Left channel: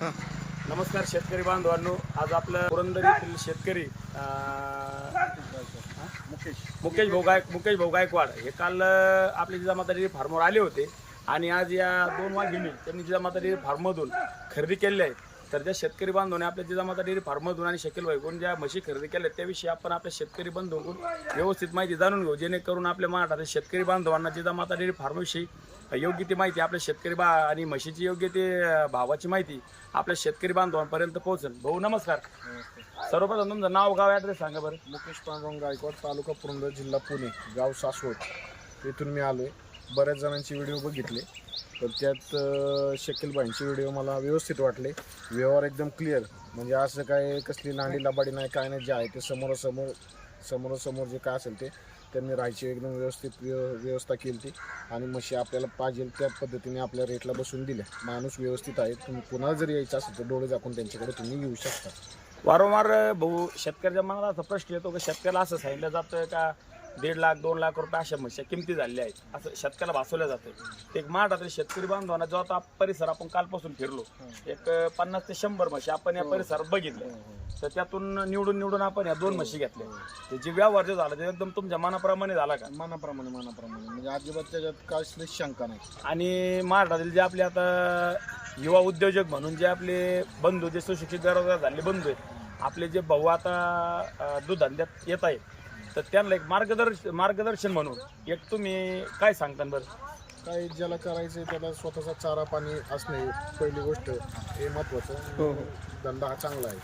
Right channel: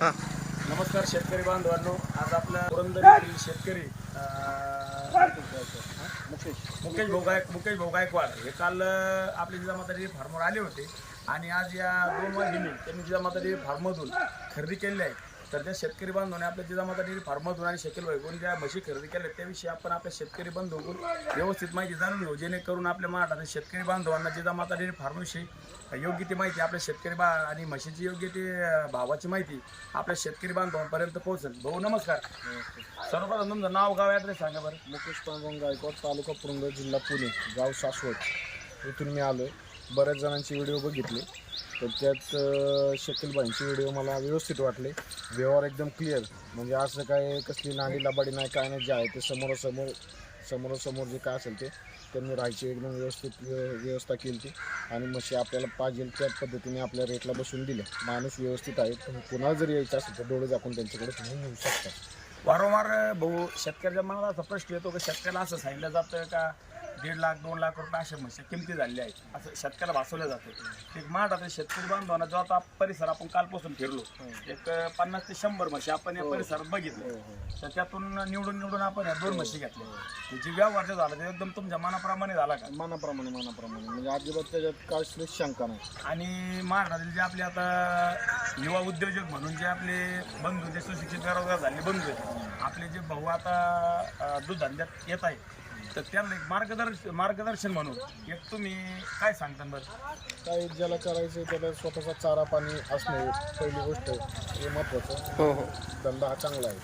हा. नमस्कार शेतकरी बांधवांनो. आज आपल्या पुरंदर येथील शेतकरी मुकेश. मुकेश भाऊ गायक मुकेश भाऊ गायकवाड हे काल आपले जिजामाता डेअरी फार्मवर आले होते आणि आज या दोन वाघिणी त्यांनी जिजामाता डेअरी फार्ममधून खरेदी केलेल्या आहेत. तर त्या शेतकरी बांधवाने आपल्या जिजामाता डेअरी फार्ममधून आणि शकील भाईकडून ज्या म्हशी खरेदी केल्या त्याविषयी आपण आपल्या शेतकरी बंधूंकडून व्यवस्थित माहिती जाणून घेऊ. जेणेकरून आपल्या महाराष्ट्रातील शेतकरी बांधवांना जिजामाता डेअरी फार्मविषयी योग्य ती माहिती आपल्या शेतकरी बा आणि म्हशीची योग्य ती भावाची माहिती आपल्या शेतकरी बांधवांपर्यंत पोहोचेल. भाऊ नमस्कार. सर्वप्रथम तुमचं नाव गाव ॲड्रेस सांगा बरं. मुकेश पांडुरंग गायकवाड तालुका पुरंदर जिल्हा पुणे गाव सासवड. इथून मी आलो आहे बऱ्याच जणांचे व्हिडिओ बघितले तर त्यात शकीलबाईंचे व्हिडिओ मला व्यवस्थित वाटले. व्यवहार एकदम क्लिअर म्हणजे असं काय कसली नांडी लाबाडी नाही काय नाही जे आहे ते समोरासमोर समोरासमोर जे काय असेल ते त्यांनी राहायची एकदम व्यवस्थित व्यवस्था केली ती. आणि म्हशी आपल्याला पाहिजे त्या पद्धतीने आपल्या रेटला बसून दिल्या. माणूस व्यवस्थित आहे तुम्ही कुणाला जरी यायचं असेल तर डोळे झाकून त्यांच्याकडे तुम्ही येऊ शकता. वारंवार भाऊ शेतकऱ्याच्या मनाला असा प्रश्न येतो की शेतकऱ्याला असं सांगितलं जातं का? दीड लाख दोन लाख रुपये अशा म्हशी किमती झालेल्या आहेत. असं शेतकऱ्याला भासवलं जातं. एक महाराष्ट्रातील शेतकरी बांधवांना जो आता परिसर आपण कालपासून फिरलो एक पन्नास ते शंभर म्हशी आपण या परिसरात बघितलं. तर त्यातून निवडून निवडून आपण या दोन म्हशी घेतल्या. त्याची व्यवहार जो झाला ते एकदम तुमच्या मनाप्रमाणे झाला का? मनाप्रमाणे मनाप्रमाणे. म्हणजे अजिबात त्याच्यात कसलीच शंका नाही. आणि महाराष्ट्रातील जे आपले आता युवा उद्योजक म्हणून जे आपले बंधू जे सुशिक्षित बेरोजगार झाले बंधू आहेत आपले जे भाऊ आता दूध धंद्यात येत आहे तर त्यांना एक मार्गदर्शन मार्गदर्शन म्हणून. एक तुम्ही काय सांगता बरं? काय ज्याला करायचं त्याला स्वतःचा चारा पाणी असणे पहिली गोष्ट हे महत्वाचं. हो हो. धंदा हा चांगला आहे.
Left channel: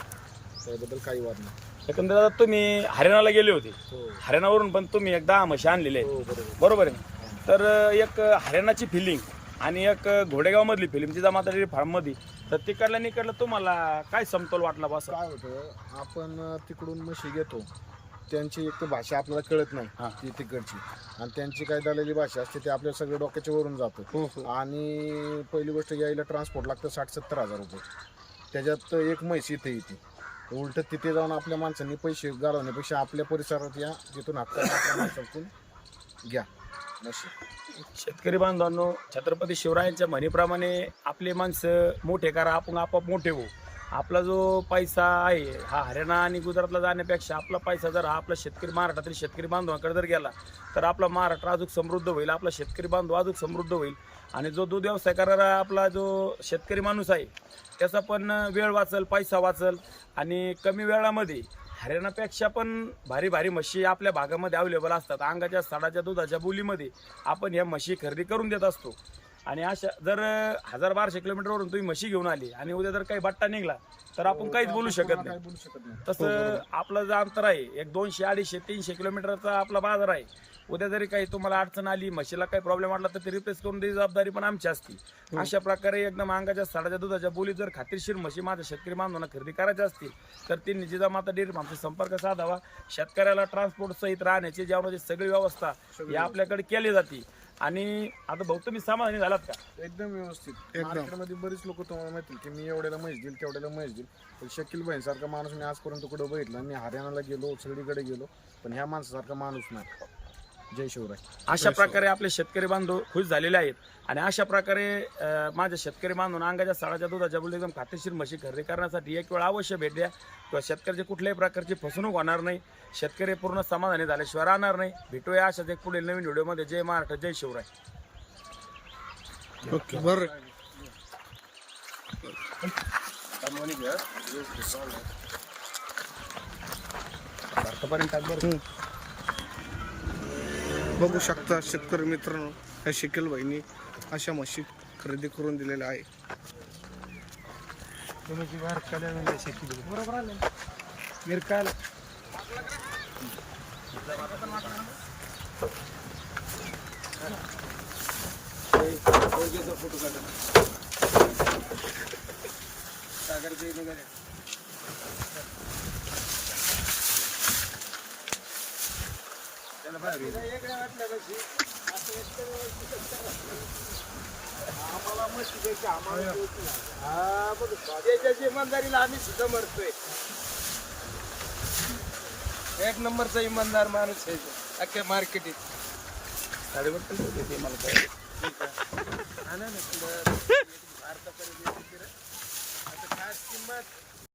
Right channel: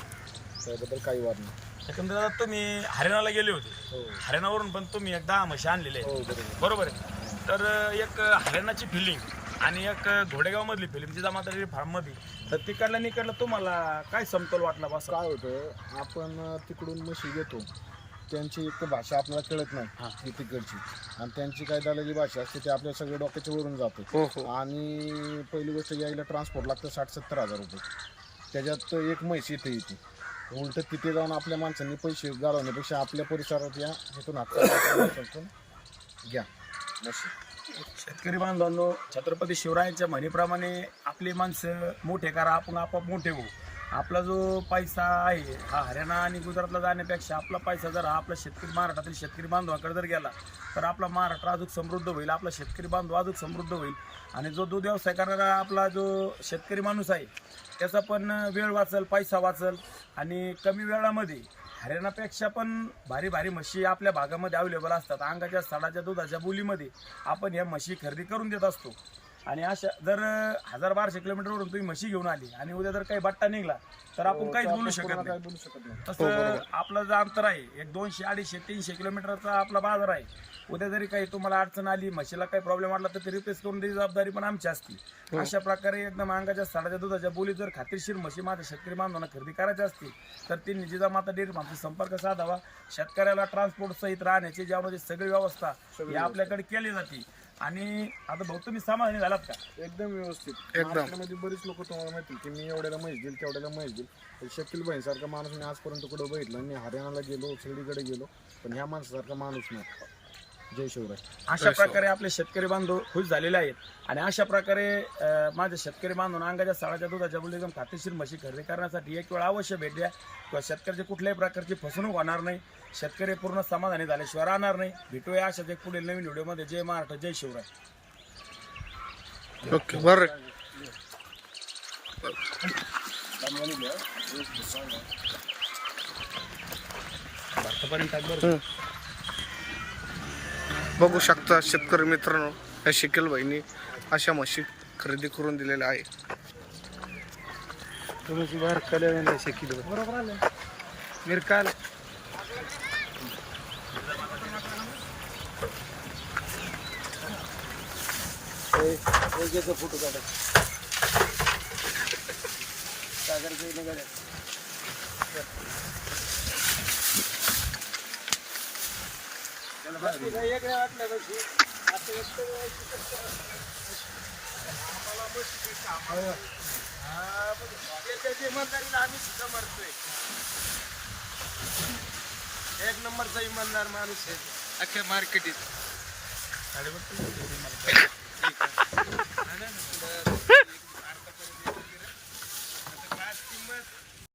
त्याबद्दल काही वाद नाही. एकंदरीत आता तुम्ही हरियाणाला गेले होते. हो. हरियाणावरून पण तुम्ही एक दहा म्हशी आणलेले हो बरोबर बरोबर आहे. तर एक हरियाणाची फिलिंग आणि एक घोडेगाव मधली फिल्म जिजा माता फार्ममध्ये तर तिकडला निकडलं तुम्हाला काय समतोल वाटला बस? काय होतं आपण तिकडून म्हशी घेतो. त्यांची एक तर भाषा आपल्याला कळत हा. नाही ती तिकडची. आणि त्यांची काय झालेली भाषा असते ते आपल्या सगळ्या डोक्याच्या वरून जातं. आणि पहिली गोष्ट यायला ट्रान्सपोर्ट लागतं साठ सत्तर हजार रुपये. त्याच्यात एक म्हैस इथे येते. उलट तिथे जाऊन आपल्या माणसांनी पैसे घालवण्यापेक्षा आपल्या परिसरात या तिथून हात घ्या. शेतकरी बांधवांनो छत्रपती शिवरायांच्या म्हणीप्रमाणे आपले माणसं मोठे करा आपण आपोआप मोठे होऊ. आपला जो पैसा आहे हा हरियाणा आणि गुजरातला जाण्यापेक्षा आपला पैसा जर हा आपला शेतकरी महाराष्ट्रातील शेतकरी बांधवांकडे जर गेला तर आपला महाराष्ट्र अजून समृद्ध होईल आपला शेतकरी बांधव अजून समृद्ध होईल. आणि जो दूध व्यवसाय करणारा आपला जो शेतकरी माणूस आहे त्याचा पण वेळ वाचल पैसा वाचल. आणि कमी वेळामध्ये हरियाणापेक्षा पण भारी भारी म्हशी आपल्या भागामध्ये अवेलेबल असतात. अंगाच्या साडाच्या दुधाच्या बोलीमध्ये आपण ह्या म्हशी खरेदी करून देत असतो. आणि अशा जर हजार बाराशे किलोमीटरवरून तुम्ही म्हशी घेऊन आली आणि उद्या जर काही बट्टा निघला तर आपण काहीच बोलू शकत काय नाही. बोलू शकत नाही. तसं आपलं जे अंतर आहे एक दोनशे अडीचशे तीनशे किलोमीटरचा आपला बाजार आहे. उद्या जरी काही तुम्हाला अडचण आली म्हशीला काही प्रॉब्लेम वाटला तर ते रिप्लेस करून देण्याची जबाबदारी पण आमची असते. अशा प्रकारे एकदम अंगाच्या साडाच्या दुधाच्या बोली जर खात्रीशीर म्हशी माझ्या शेतकरी बांधवांना खरेदी करायच्या असतील तर ती निजिजामाता डेअरी आमचा संपर्क साधावा. शेतकऱ्याला ट्रान्सपोर्ट सहित राहण्याची जेवणाची सगळी व्यवस्था ही आपल्याकडे केली जाते. आणि आता भाऊ तुम्ही समाधानी झालात का? एकदम व्यवस्थित. मार्केटमध्ये बरीच लोक तुम्हाला माहितील की मी एवढ्याला म्हैस देईल तेवढ्याला म्हैस देईल. पण शकील बहीणसारखा माणूस मी आजपर्यंत कुठं बघितलं मी हरियाणाला गेलो सगळीकडे गेलो पण ह्या माणसासारखा माणूस नाही. जय शिवराय. अशा प्रकारे आपले शेतकरी बांधव खुश झालेले आहेत. आणि अशा प्रकारे माझ्या शेतकरी बांधव अंगाच्या साडाच्या दुधाच्या बोली एकदम खात्रीशीर म्हशी खरेदी करण्यासाठी एक वेळ अवश्य भेट द्या. किंवा शेतकऱ्याची कुठल्याही प्रकारची फसवणूक होणार नाही. शेतकरी पूर्ण समाधानी झाल्याशिवाय राहणार नाही. भेटूया अशाच एक पुढील नवीन व्हिडिओमध्ये. जय महाराष्ट्र जय शिवराय. ओके बरं. भारतापर्यंत टाक बरं. बघू शकता शेतकरी मित्रांनो या शिकेल बहिणी अशा म्हशी खरेदी करून दिलेल्या आहे बरोबर आलं. मिरकाल इमानदारीला आम्ही सुद्धा मरतोय एक नंबरचा इमानदार माणूस आहे अख्ख्या मार्केटीत किंमत